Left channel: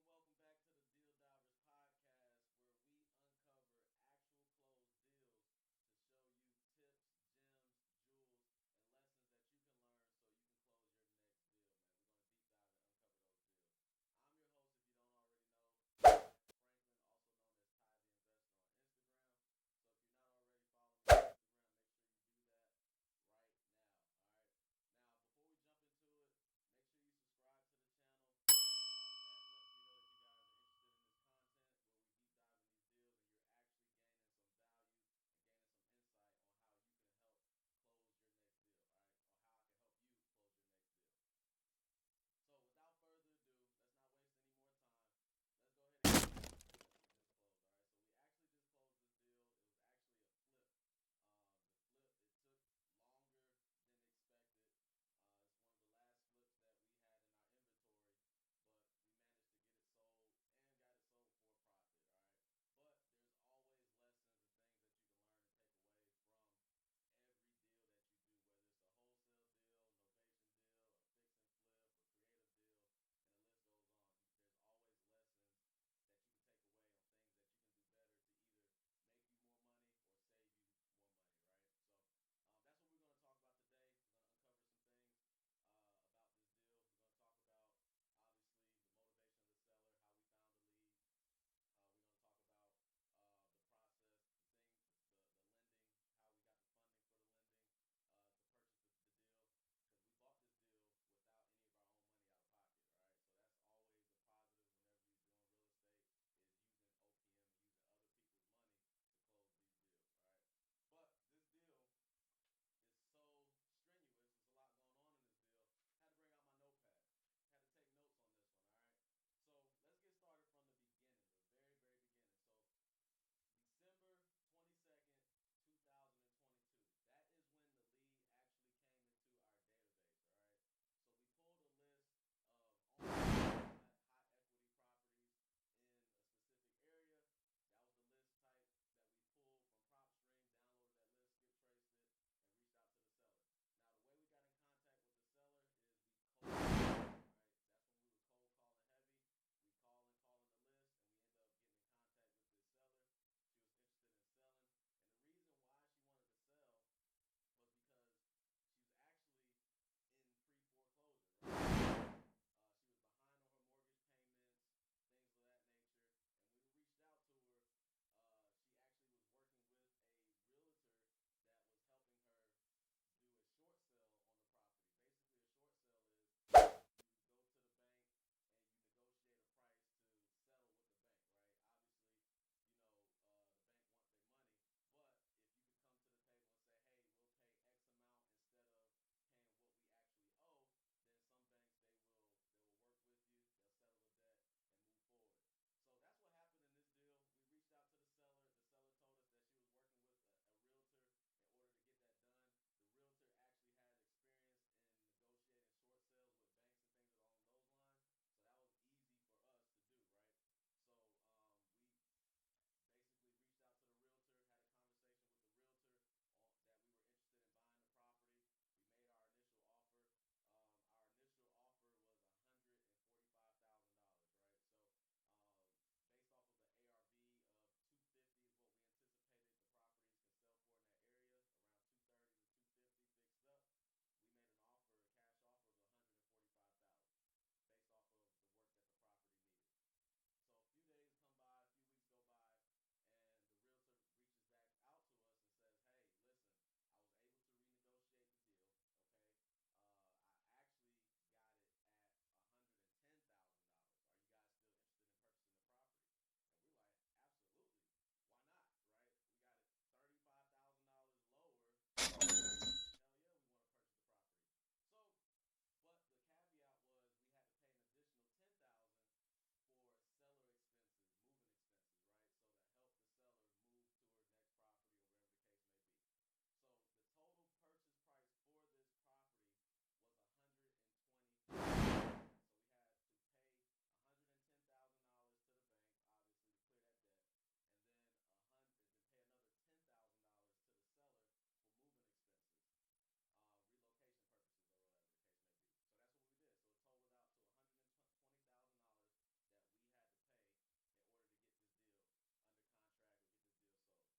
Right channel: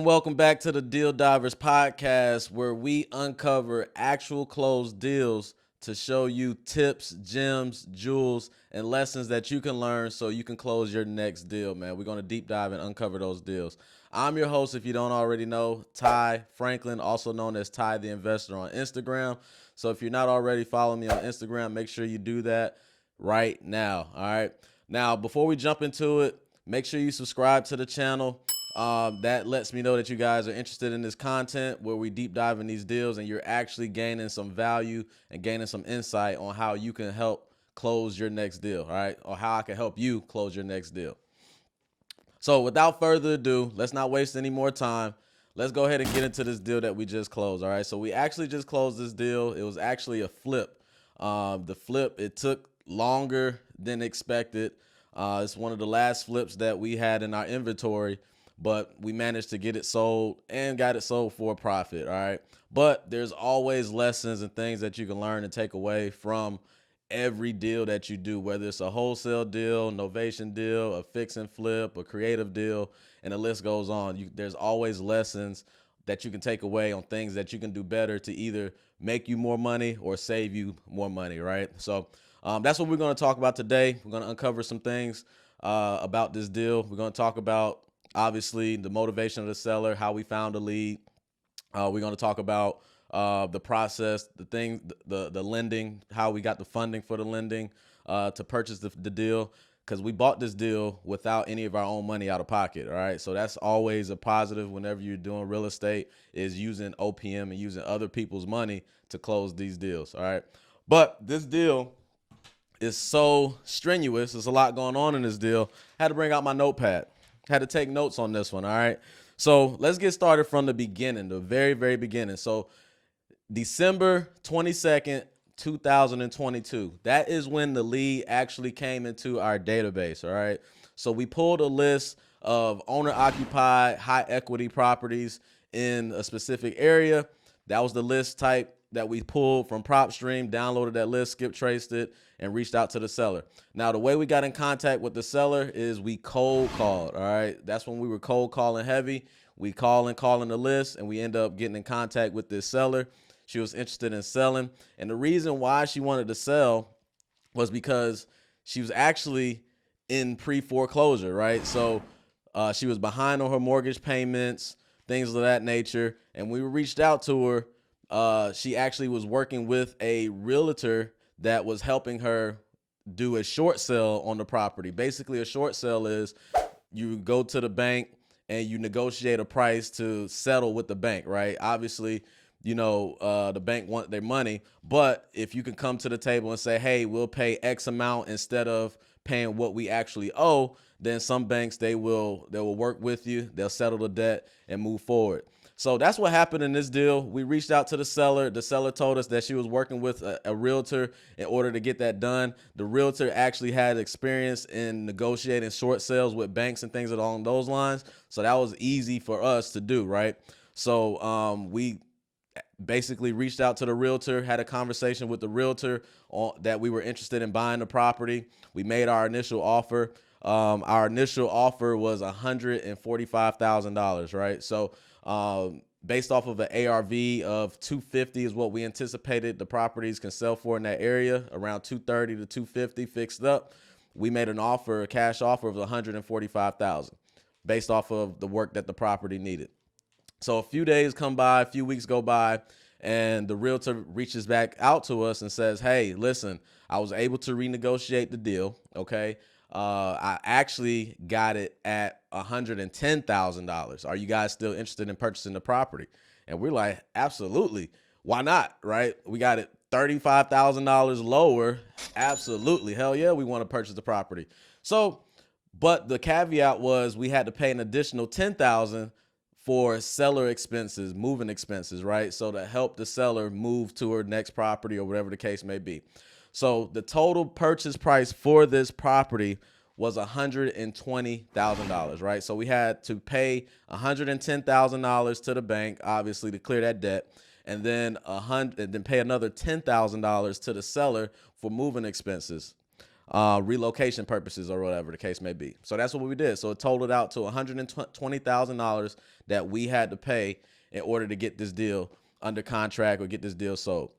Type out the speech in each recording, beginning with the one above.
Welcome back to the Deal Divers podcast, where we uncover actual closed deals to show you tips, gems, jewels, and lessons that you can learn so you can close your next deal, man. We're going to deep dive and uncover those deals. I'm your host, if you don't already know, Ty Franklin, also known as Ty the Investor on Instagram. So if you're not already following me on Instagram, make sure you do that right now, all right? Now, before we jump into it, make sure you subscribe to the channel. That lets me know that you guys are interested in this content where we deep dive in these deals and you're actually gaining some value and gaining some insight on how you can help close your next deal, all right? Or how I can help you close your next deal. So without further ado, let's not waste any more time. Let's go ahead and get into this deal that we just closed, all right? So we actually just closed this deal. It was actually a flip. The flip, it took longer than expected. It's one of the last flips that we had in our inventory, but we managed to get it sold and got it sold for a profit, all right? But there's always lessons and things that you can learn and take away from every deal that you do, whether it's a wholesale deal, novation deal, a fix and flip, a creative deal, and the list goes on. There's always lessons that you can take away on things that you can do better to either make you more money or save you more money, right? So that's what we're going to talk about today. We're going to uncover some things about this deal. We're going to talk about, obviously, the motivation of the seller, how we found a lead. We're going to talk about the process, the lending, how we got the funding for the lending to purchase the deal, because we bought this deal without any of our own money out of pocket, all right? So that's always a positive whenever you're doing real estate, is using OPM and using other people's money to close these deals, all right? But this deal is so strenuous. There's a lot going on in this deal. Had to bring out my notepad. Had to take notes on this one, all right? So let's get started from the beginning, the very, very beginning. So December 22nd, 2022. That is when the lead actually came into our database, all right? So we pulled a list of owner-occupied, high-equity properties in a specific area. That was the list type that we pulled from PropStream, downloaded that list, skip traced it, and reached out to the seller. Now, the way we got in contact with the seller is we cold called, all right? That's when we were cold calling heavy. We calling the list, and we end up getting in contact with this seller. She was interested in selling. And the reason why she wanted to sell was because she was actually in pre-foreclosure, right? So she was behind on her mortgage payments, things of that nature. And we reached out to her. She actually was working with a realtor that was helping her do a short sale on the property. Basically, a short sale is you go to the bank and you negotiate a price to settle with the bank, right? Obviously, the bank want their money, but if you can come to the table and say, hey, we'll pay X amount instead of paying what we actually owe, then some banks, they will work with you. They'll settle the debt and move forward. So that's what happened in this deal. We reached out to the seller. The seller told us that she was working with a realtor in order to get that done. The realtor actually had experience in negotiating short sales with banks and things along those lines. So that was easy for us to do, right? So we basically reached out to the realtor, had a conversation with the realtor that we were interested in buying the property. We made our initial offer. Our initial offer was $145,000, right? So based off of an ARV of 250 is what we anticipated the properties can sell for in that area, around 230 to 250 fixed up. We made an offer, a cash offer of 145,000 based off of the work that the property needed. So a few days come by, a few weeks go by, and the realtor reaches back out to us and says, hey, listen, I was able to renegotiate the deal, okay? I actually got it at $110,000. Are you guys still interested in purchasing the property? And we're like, absolutely. Why not, right? We got it $35,000 lower. Absolutely. Hell yeah, we want to purchase the property. So, but the caveat was we had to pay an additional $10,000 for seller expenses, moving expenses, right? So to help the seller move to her next property or whatever the case may be. So the total purchase price for this property was $120,000, right? So we had to pay $110,000 to the bank, obviously, to clear that debt, and then pay another $10,000 to the seller for moving expenses, relocation purposes, or whatever the case may be. So that's what we did. So it totaled out to $120,000 that we had to pay in order to get this deal under contract or get this deal sold.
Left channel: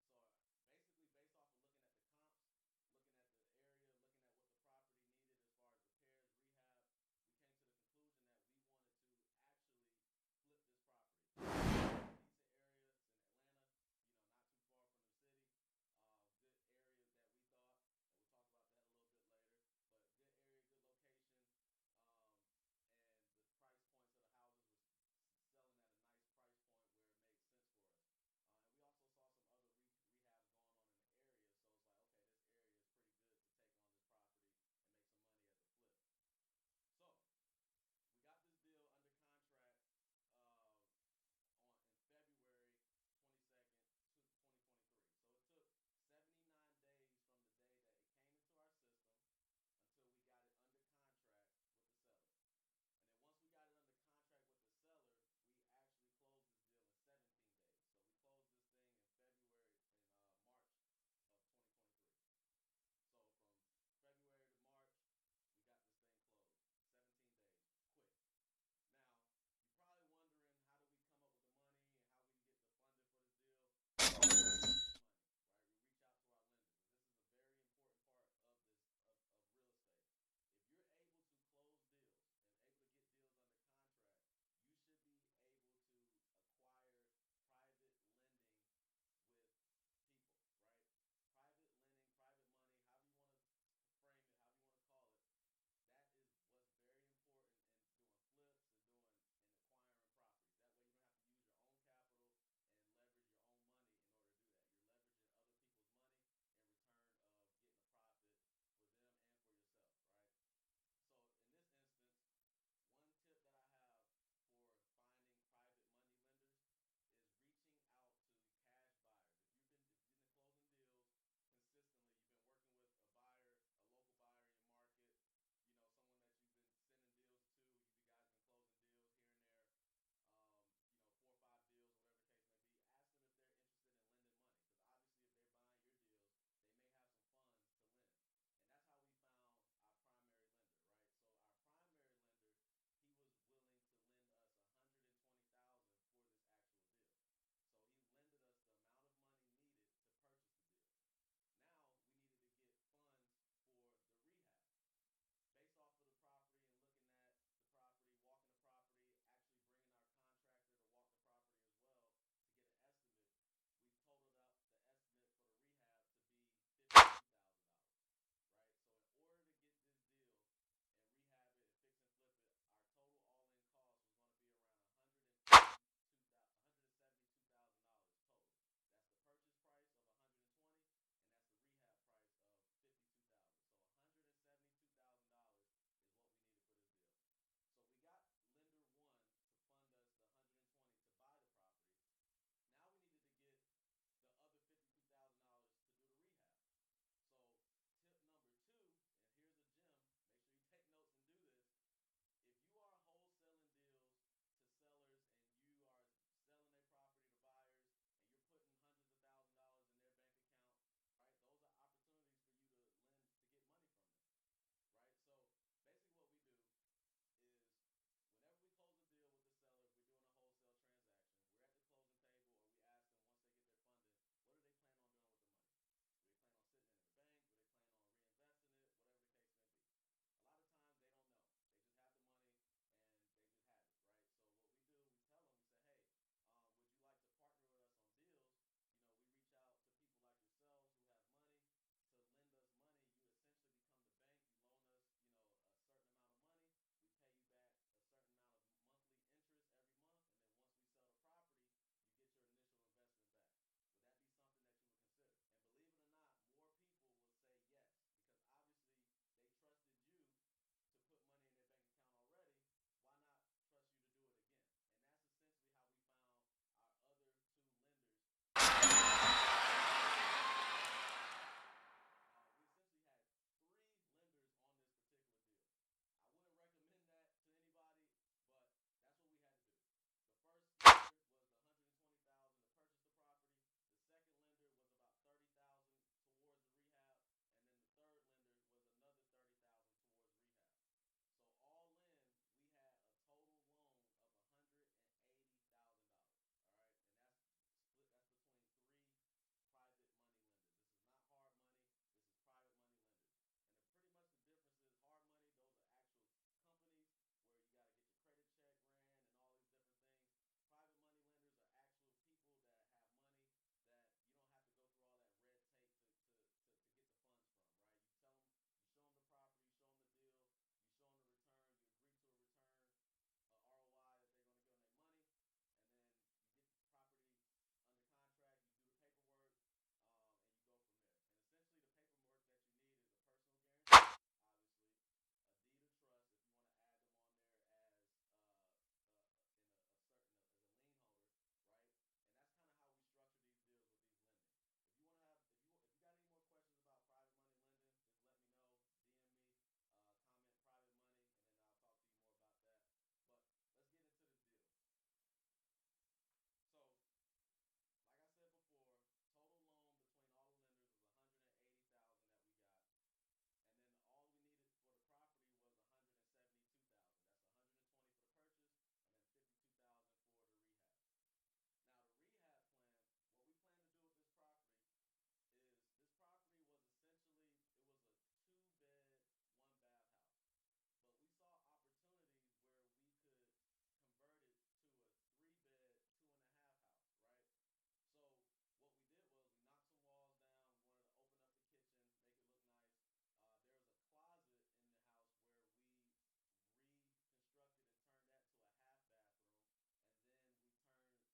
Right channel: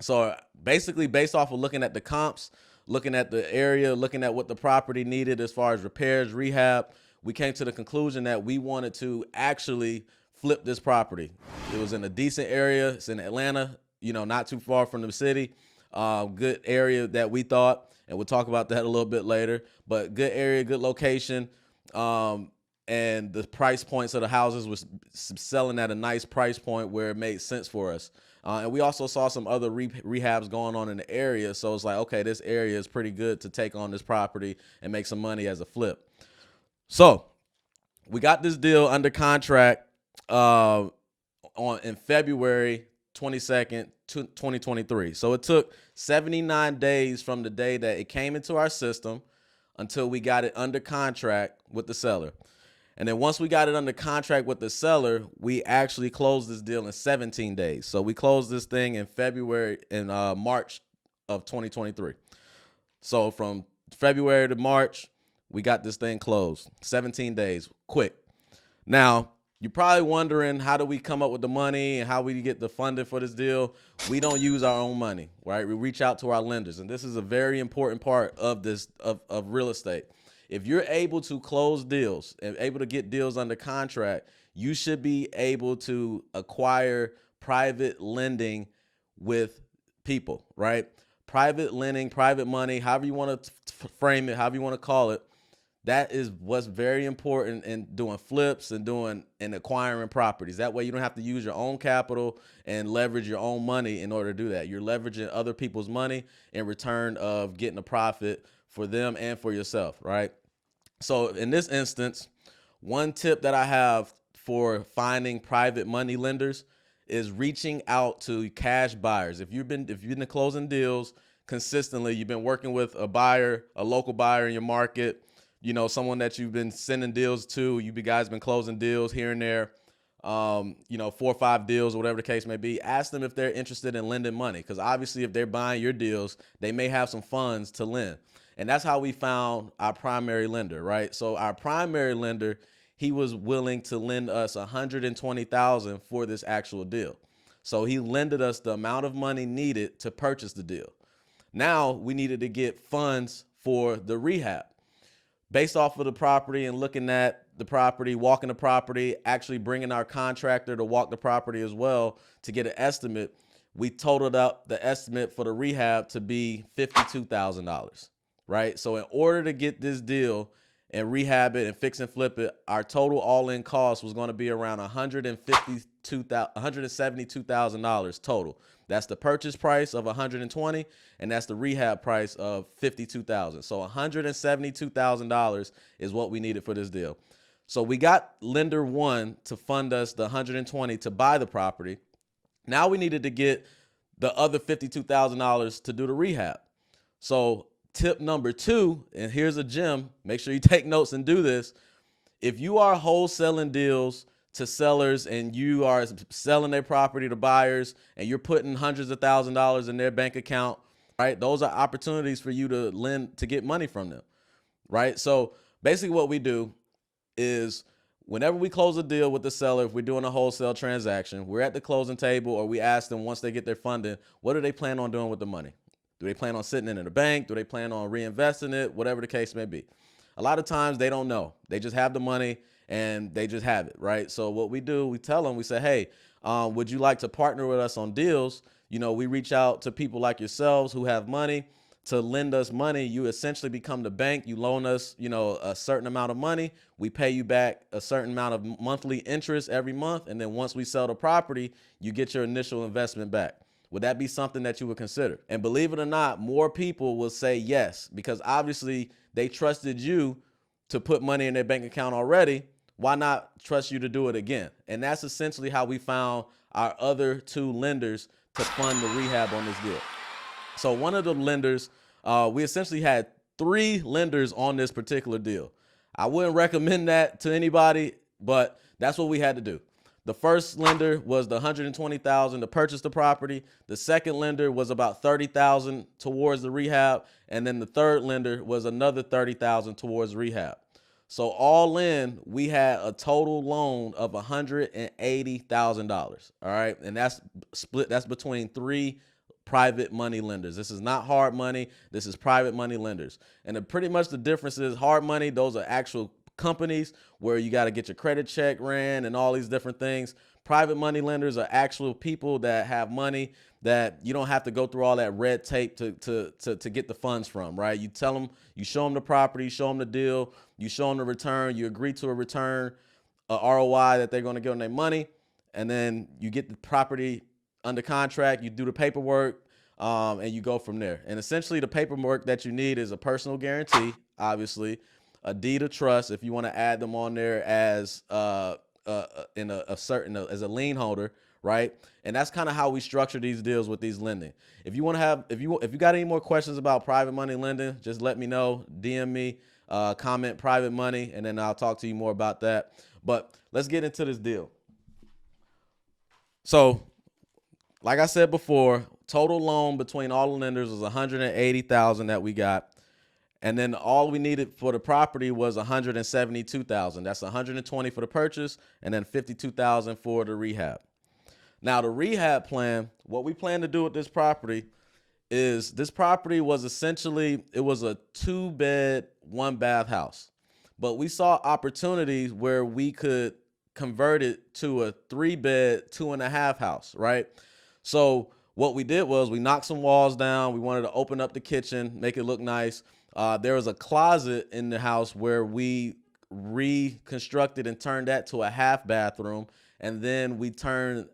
So basically, based off of looking at the comps, looking at the area, looking at what the property needed as far as repairs, rehab, we came to the conclusion that we wanted to actually flip this property. It was in a decent area. It's in Atlanta, not too far from the city. Good area that we thought, and we'll talk about that a little bit later, but good area, good location. And the price points of the houses was selling at a nice price point where it made sense for us. And we also saw some other rehabs going on in the area. So it's like, okay, this area is pretty good to take on this property and make some money as a flip. So we got this deal under contract in February 22nd, 2023. So it took 79 days from the day that it came into our system until we got it under contract with the seller. And then once we got it under contract with the seller, we actually closed this deal in 17 days. So we closed this thing in March of 2023. So from February to March, we got this thing closed. 17 days, quick. Now, you're probably wondering, how do we come up with the money and how we get the funding for this deal? We don't use our own money, right? We reach out to our lenders. And this is a very important part of this, of real estate. If you're able to close deals and able to get deals under contract, you should be able to acquire private lending with people, right? Private lending, private money, however you want to frame it, however you want to call it. That is what's very important in doing flips and acquiring properties. That way you don't have to use your own capital and leverage your own money in order to do that. You're leveraging other people's money in return of getting a profit for them and for yourself, right? So in this instance, one tip that I have for finding private money lenders is reaching out to cash buyers. If you've been closing deals consistently, you've been working with a buyer, a local buyer in your market, someone that you've been sending deals to, you guys been closing deals here and there, 4 or 5 deals or whatever the case may be. Ask them if they're interested in lending money, because obviously if they're buying your deals, they may have some funds to lend. And that's how we found our primary lender, right? So our primary lender, he was willing to lend us $120,000 for this actual deal. So he lended us the amount of money needed to purchase the deal. Now we needed to get funds for the rehab. Based off of the property and looking at the property, walking the property, actually bringing our contractor to walk the property as well to get an estimate, we totaled up the estimate for the rehab to be $52,000. Right? So in order to get this deal and rehab it and fix and flip it, our total all-in cost was going to be around $172,000 total. That's the purchase price of $120,000, and that's the rehab price of $52,000. So $172,000 is what we needed for this deal. So we got lender one to fund us the $120,000 to buy the property. Now we needed to get the other $52,000 to do the rehab. So tip number 2, and here's a gem, make sure you take notes and do this. If you are wholesaling deals to sellers and you are selling their property to buyers and you're putting hundreds of thousands of dollars in their bank account, right? Those are opportunities for you to lend, to get money from them, right? So basically what we do is whenever we close a deal with the seller, if we're doing a wholesale transaction, we're at the closing table, or we ask them once they get their funding, what do they plan on doing with the money? Do they plan on sitting it in the bank? Do they plan on reinvesting it? Whatever the case may be. A lot of times they don't know. They just have the money and they just have it, right? So what we do, we tell them, we say, hey, would you like to partner with us on deals? We reach out to people like yourselves who have money to lend us money. You essentially become the bank. You loan us, a certain amount of money. We pay you back a certain amount of monthly interest every month. And then once we sell the property, you get your initial investment back. Would that be something that you would consider? And believe it or not, more people will say yes, because obviously they trusted you to put money in their bank account already. Why not trust you to do it again? And that's essentially how we found our other 2 lenders to fund the rehab on this deal. So one of the lenders, we essentially had 3 lenders on this particular deal. I wouldn't recommend that to anybody, but that's what we had to do. The first lender was the $120,000 to purchase the property. The second lender was about $30,000 towards the rehab. And then the third lender was another $30,000 towards rehab. So all in, we had a total loan of $180,000. All right, and that's split. That's between three private money lenders. This is not hard money. This is private money lenders. And pretty much the difference is hard money, those are actual companies where you got to get your credit check ran and all these different things. Private money lenders are actual people that have money that you don't have to go through all that red tape to get the funds from, right? You tell them, you show them the property, show them the deal, you show them the return, you agree to a return, a ROI that they're going to get on their money, and then you get the property under contract, you do the paperwork, and you go from there. And essentially the paperwork that you need is a personal guarantee, obviously, a deed of trust if you want to add them on there as in a certain as a lien holder, right? And that's kind of how we structure these deals with these lending. If you want to have, if you got any more questions about private money lending, just let me know, DM me, comment private money, and then I'll talk to you more about that. But let's get into this deal. So, like I said before, total loan between all the lenders was $180,000 that we got. And then all we needed for the property was $172,000. That's $120,000 for the purchase and then $52,000 for the rehab. Now the rehab plan, what we plan to do with this property is this property was essentially, it was a 2-bed, 1-bath house. But we saw opportunities where we could convert it to a 3-bed, 2.5 house, right? So what we did was we knocked some walls down. We wanted to open up the kitchen, make it look nice. There was a closet in the house where we reconstructed and turned that to a half bathroom. And then we turned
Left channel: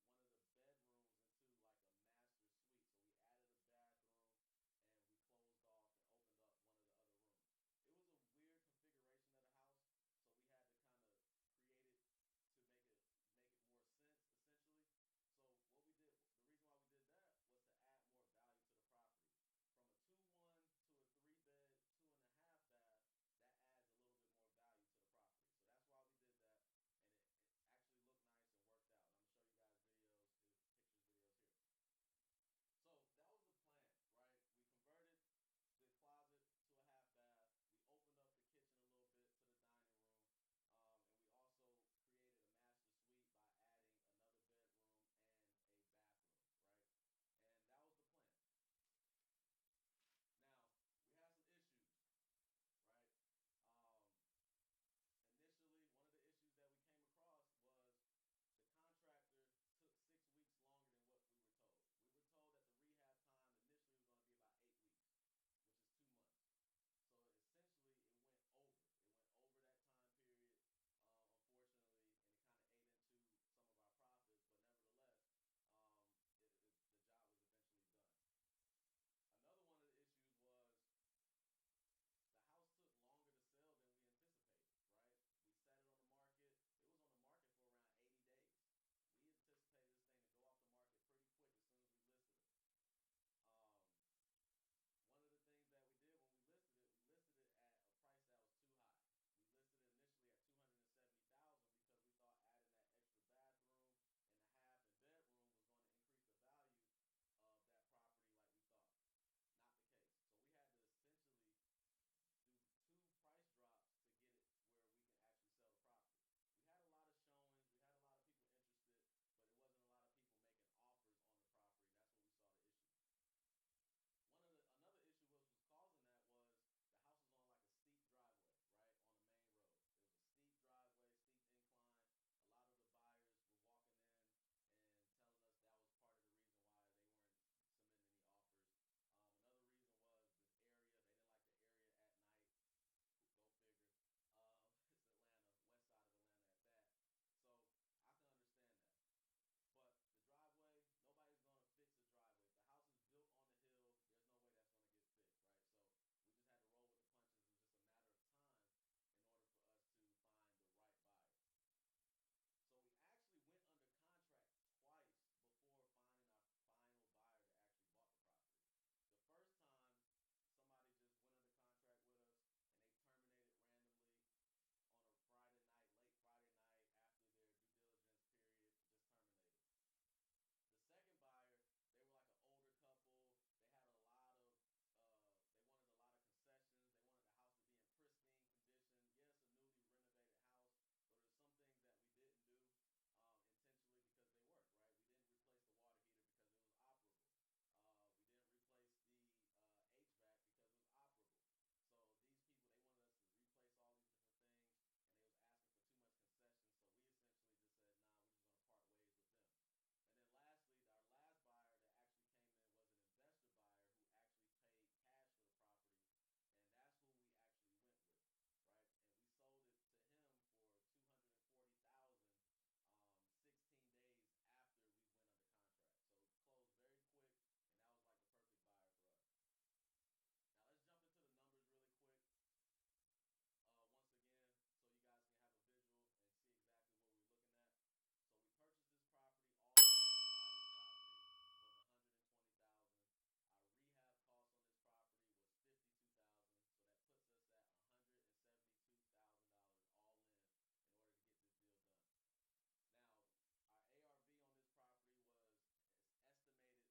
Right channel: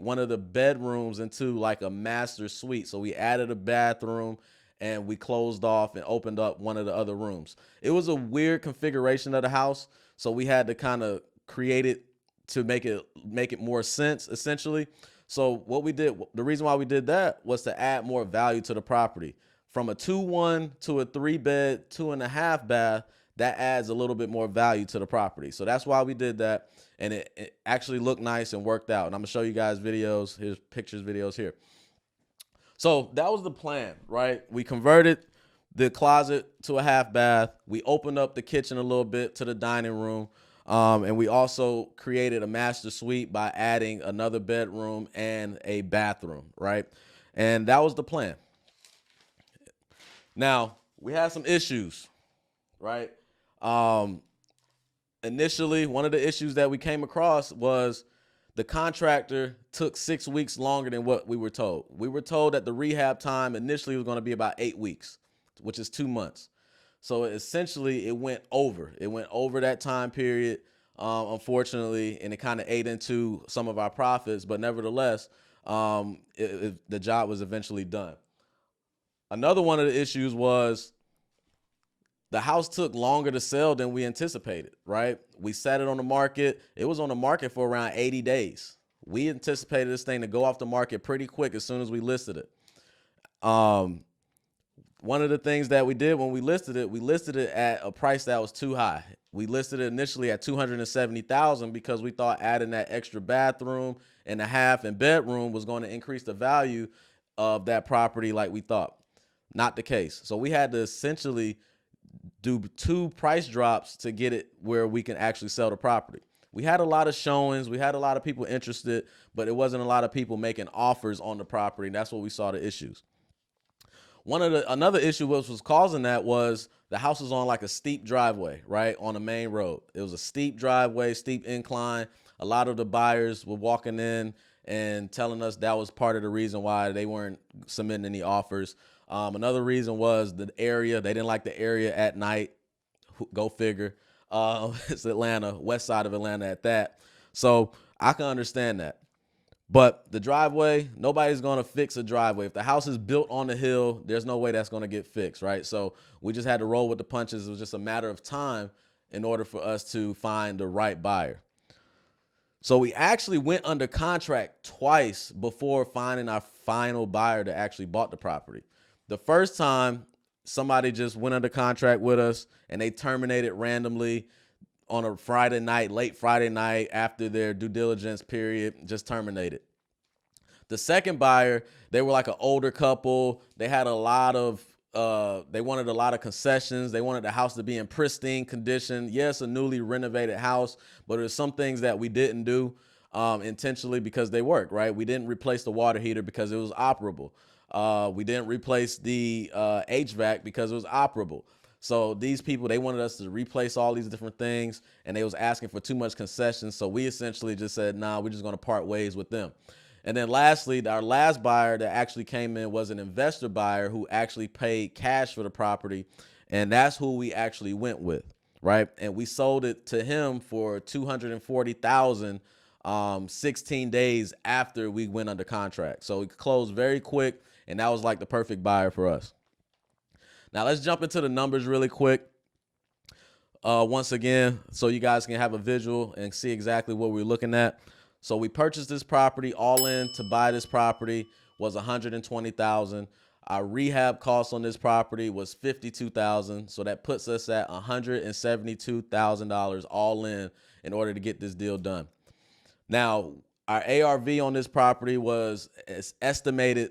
one of the bedrooms into like a master suite. So we added a bathroom and we closed off and opened up one of the other rooms. It was a weird configuration of the house. So we had to kind of create it to make it more sense, essentially. So what we did, the reason why we did that was to add more value to the property. From a 2-1 to a 3-bed, 2.5 bath, that adds a little bit more value to the property. So that's why we did that. And it actually looked nice and worked out. And I'm gonna show you guys videos, here's pictures, videos here. So that was the plan, right? We converted the closet to a half bath. We opened up the kitchen a little bit to the dining room. And we also created a master suite by adding another bedroom and a bathroom, right? And that was the plan. Now, we had some issues, right? Initially, one of the issues that we came across was the contractor took 6 weeks longer than what we were told. We were told that the rehab time initially was going to be about 8 weeks, which is 2 months. So essentially, it went over. It went over that time period, unfortunately, and it kind of ate into some of our profits. But nevertheless, the job was eventually done. Another one of the issues was the house took longer to sell than we anticipated, right? We set it on the market. It was on the market for around 80 days. We anticipated this thing to go off the market pretty quick as soon as we listed it. One of the things that we did when we listed it at a price that was too high. We listed it initially at $270,000 because we thought adding that extra bathroom and a half and bedroom was going to increase the value of that property like we thought. Not the case. So we had to essentially do 2 price drops to get it where we can actually sell the property. We had a lot of showings. We had a lot of people interested, but it wasn't a lot of people making offers on the property. And that's what we saw the issues. Another issue which was causing that was the house was on like a steep driveway, right, on the main road. It was a steep driveway, steep incline. A lot of the buyers were walking in and telling us that was part of the reason why they weren't submitting any offers. Another reason was the area. They didn't like the area at night. Go figure. It's Atlanta, west side of Atlanta at that. So I can understand that. But the driveway, nobody's going to fix a driveway. If the house is built on the hill, there's no way that's going to get fixed, right? So we just had to roll with the punches. It was just a matter of time in order for us to find the right buyer. So we actually went under contract twice before finding our final buyer that actually bought the property. The first time, somebody just went under contract with us and they terminated randomly on a Friday night, late Friday night after their due diligence period, just terminated. The second buyer, they were like an older couple. They had a lot of they wanted a lot of concessions. They wanted the house to be in pristine condition. Yes, a newly renovated house, but there's some things that we didn't do intentionally because they work, right? We didn't replace the water heater because it was operable. We didn't replace the HVAC because it was operable. So these people, they wanted us to replace all these different things, and they was asking for too much concessions. So we essentially just said, nah, we're just going to part ways with them. And then lastly, our last buyer that actually came in was an investor buyer who actually paid cash for the property. And that's who we actually went with, right? And we sold it to him for $240,000 16 days after we went under contract. So we closed very quick, and that was like the perfect buyer for us. Now let's jump into the numbers really quick. Once again, so you guys can have a visual and see exactly what we're looking at. So we purchased this property. All in to buy this property was $120,000. Our rehab cost on this property was $52,000. So that puts us at $172,000 all in order to get this deal done. Now, our ARV on this property was estimated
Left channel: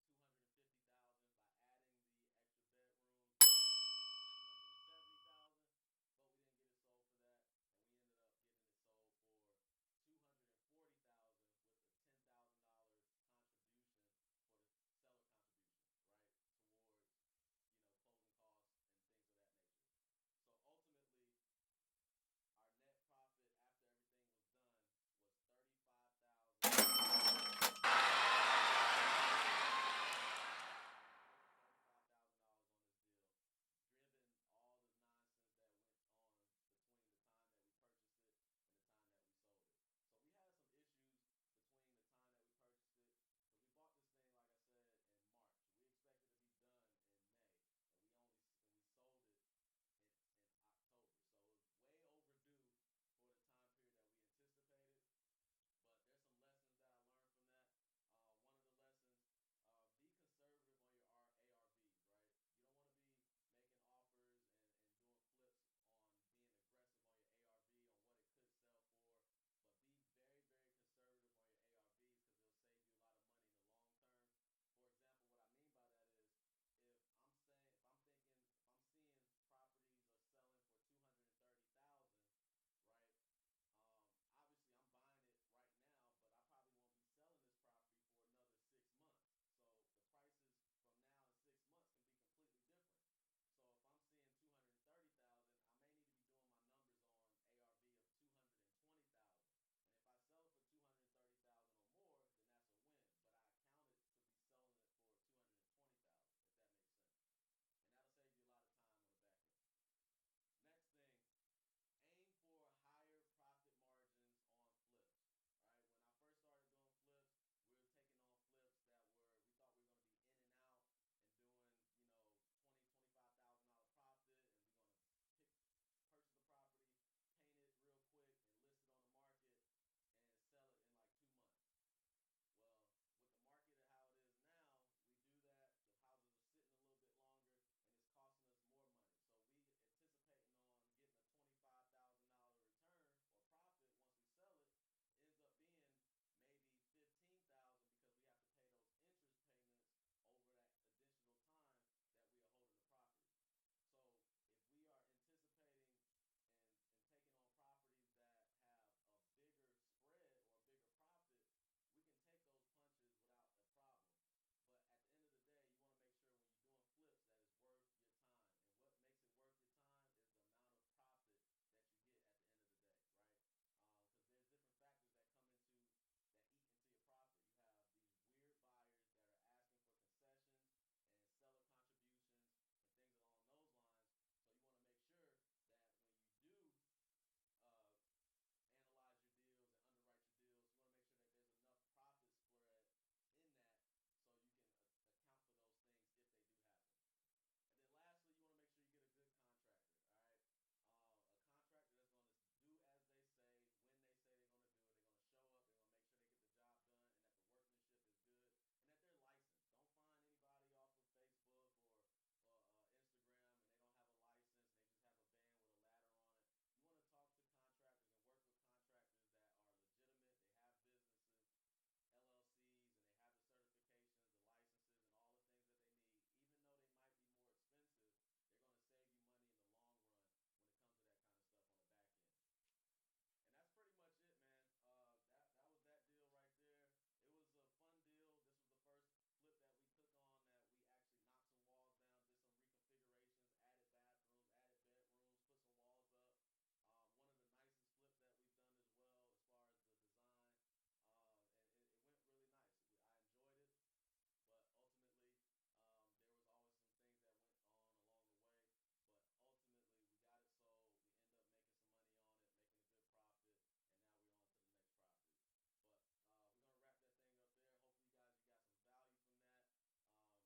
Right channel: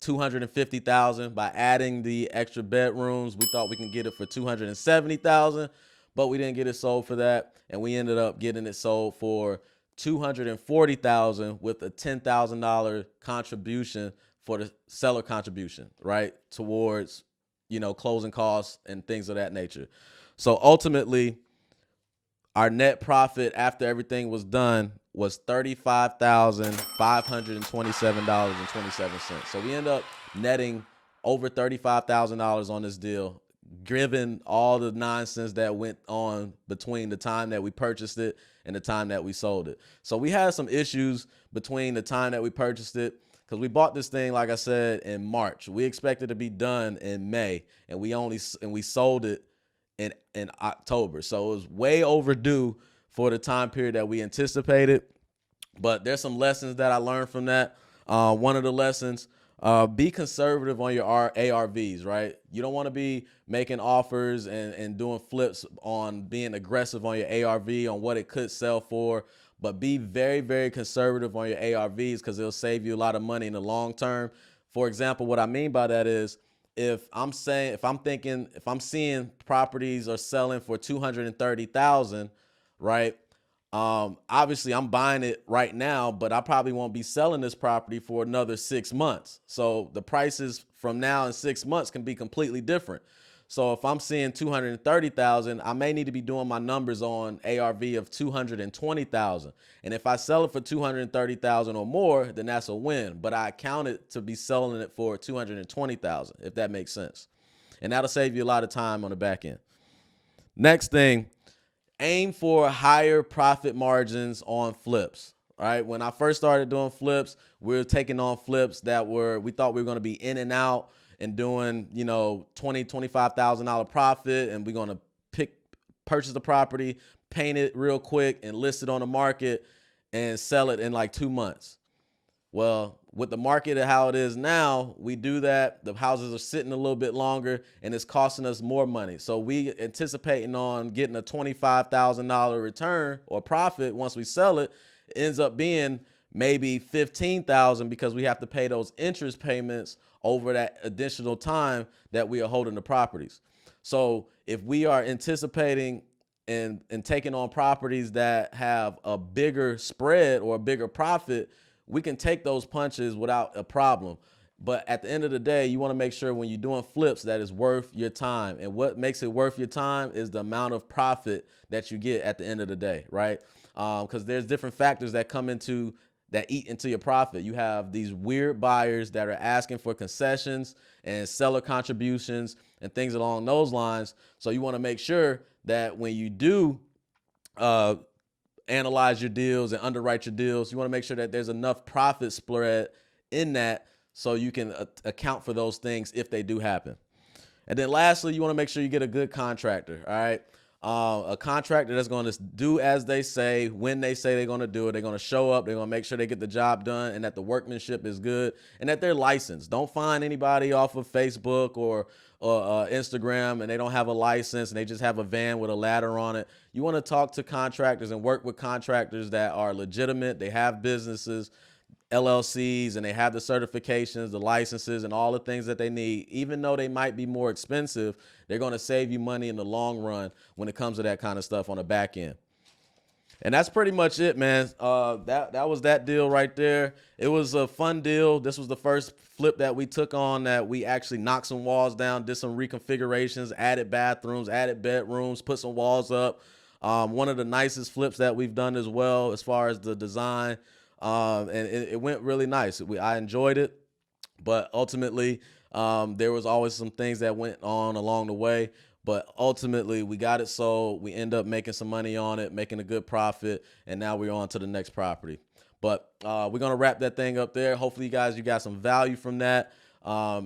$250,000. By adding the extra bedrooms, we thought we can get it for $270,000, but we didn't get it sold for that, and we ended up getting it sold for $240,000 with a $10,000 contribution for the seller contribution, right, towards, you know, closing costs and things of that nature. So ultimately, our net profit after everything was done was $35,527.27. So we end up netting over $35,000 on this deal, given all the nonsense that went on between the time that we purchased it and the time that we sold it. So we had some issues between the time that we purchased it, because we bought this thing, like I said, in March. We expected to be done in May, and we sold it in October. So it was way overdue for the time period that we anticipated. But there's some lessons that I learned from that. One of the lessons, be conservative on your ARVs, right? You don't want to be making offers and doing flips on being aggressive on your ARV, on what it could sell for, but be very, very conservative on your ARVs, because it'll save you a lot of money in the long term. For example, what I mean by that is, if I'm seeing properties are selling for $230,000, right? Obviously I'm buying it right now, but I probably won't be selling this property for another 6 months. So the prices from now in 6 months can be completely different. So if I'm seeing $230,000, I may need to be doing my numbers on ARV of $220,000. And if I sell it for $230,000 or more, then that's a win. But I count it to be selling it for $220,000, if that makes sense. And that'll save you a lot of time on the back end. Next thing, aim for higher profit margins on flips. All right. When I first started doing flips, we were taking on flips that we thought we were going to be in and out and doing, you know, $20,000-$25,000 profit, and we're going to purchase the property, paint it real quick, and list it on the market and sell it in like 2 months. Well, with the market and how it is now, we do that. The houses are sitting a little bit longer, and it's costing us more money. So we anticipating on getting a $25,000 return or profit once we sell it. It ends up being maybe $15,000, because we have to pay those interest payments over that additional time that we are holding the properties. So if we are anticipating and taking on properties that have a bigger spread or a bigger profit, we can take those punches without a problem. But at the end of the day, you want to make sure when you're doing flips that it's worth your time. And what makes it worth your time is the amount of profit that you get at the end of the day, right? Because there's different factors that eat into your profit. You have these weird buyers that are asking for concessions and seller contributions and things along those lines. So you want to make sure that when you do analyze your deals and underwrite your deals, you want to make sure that there's enough profit spread in that so you can account for those things if they do happen. And then lastly, you want to make sure you get a good contractor, all right? A contractor that's going to do as they say, when they say they're going to do it. They're going to show up. They're going to make sure they get the job done and that the workmanship is good and that they're licensed. Don't find anybody off of Facebook or Instagram and they don't have a license and they just have a van with a ladder on it. You want to talk to contractors and work with contractors that are legitimate. They have businesses. LLCs and they have the certifications, the licenses, and all the things that they need. Even though they might be more expensive, they're going to save you money in the long run when it comes to that kind of stuff on the back end. And that's pretty much it, man. That was that deal right there. It was a fun deal. This was the first flip that we took on that we actually knocked some walls down, did some reconfigurations, added bathrooms, added bedrooms, put some walls up. One of the nicest flips that we've done as well as far as the design. And it went really nice. I enjoyed it, but ultimately there was always some things that went on along the way. But ultimately, we got it sold. We end up making some money on it, making a good profit, and now we're on to the next property. But we're going to wrap that thing up there. Hopefully, you got some value from that.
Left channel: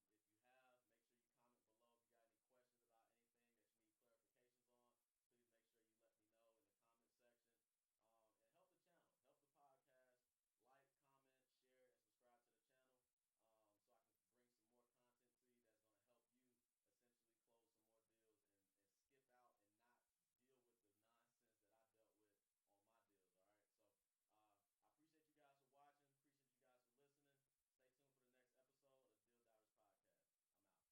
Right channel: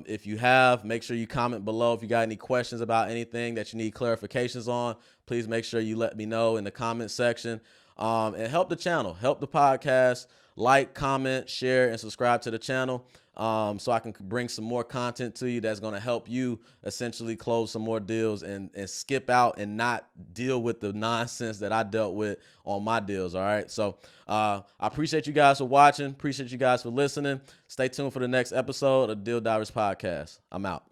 If you have, make sure you comment below. If you got any questions about anything that you need clarifications on, please make sure you let me know in the comment section. And help the channel, help the podcast. Like, comment, share, and subscribe to the channel so I can bring some more content to you that's going to help you essentially close some more deals and skip out and not deal with the nonsense that I dealt with on my deals. All right. So I appreciate you guys for watching. Appreciate you guys for listening. Stay tuned for the next episode of Deal Divers Podcast. I'm out.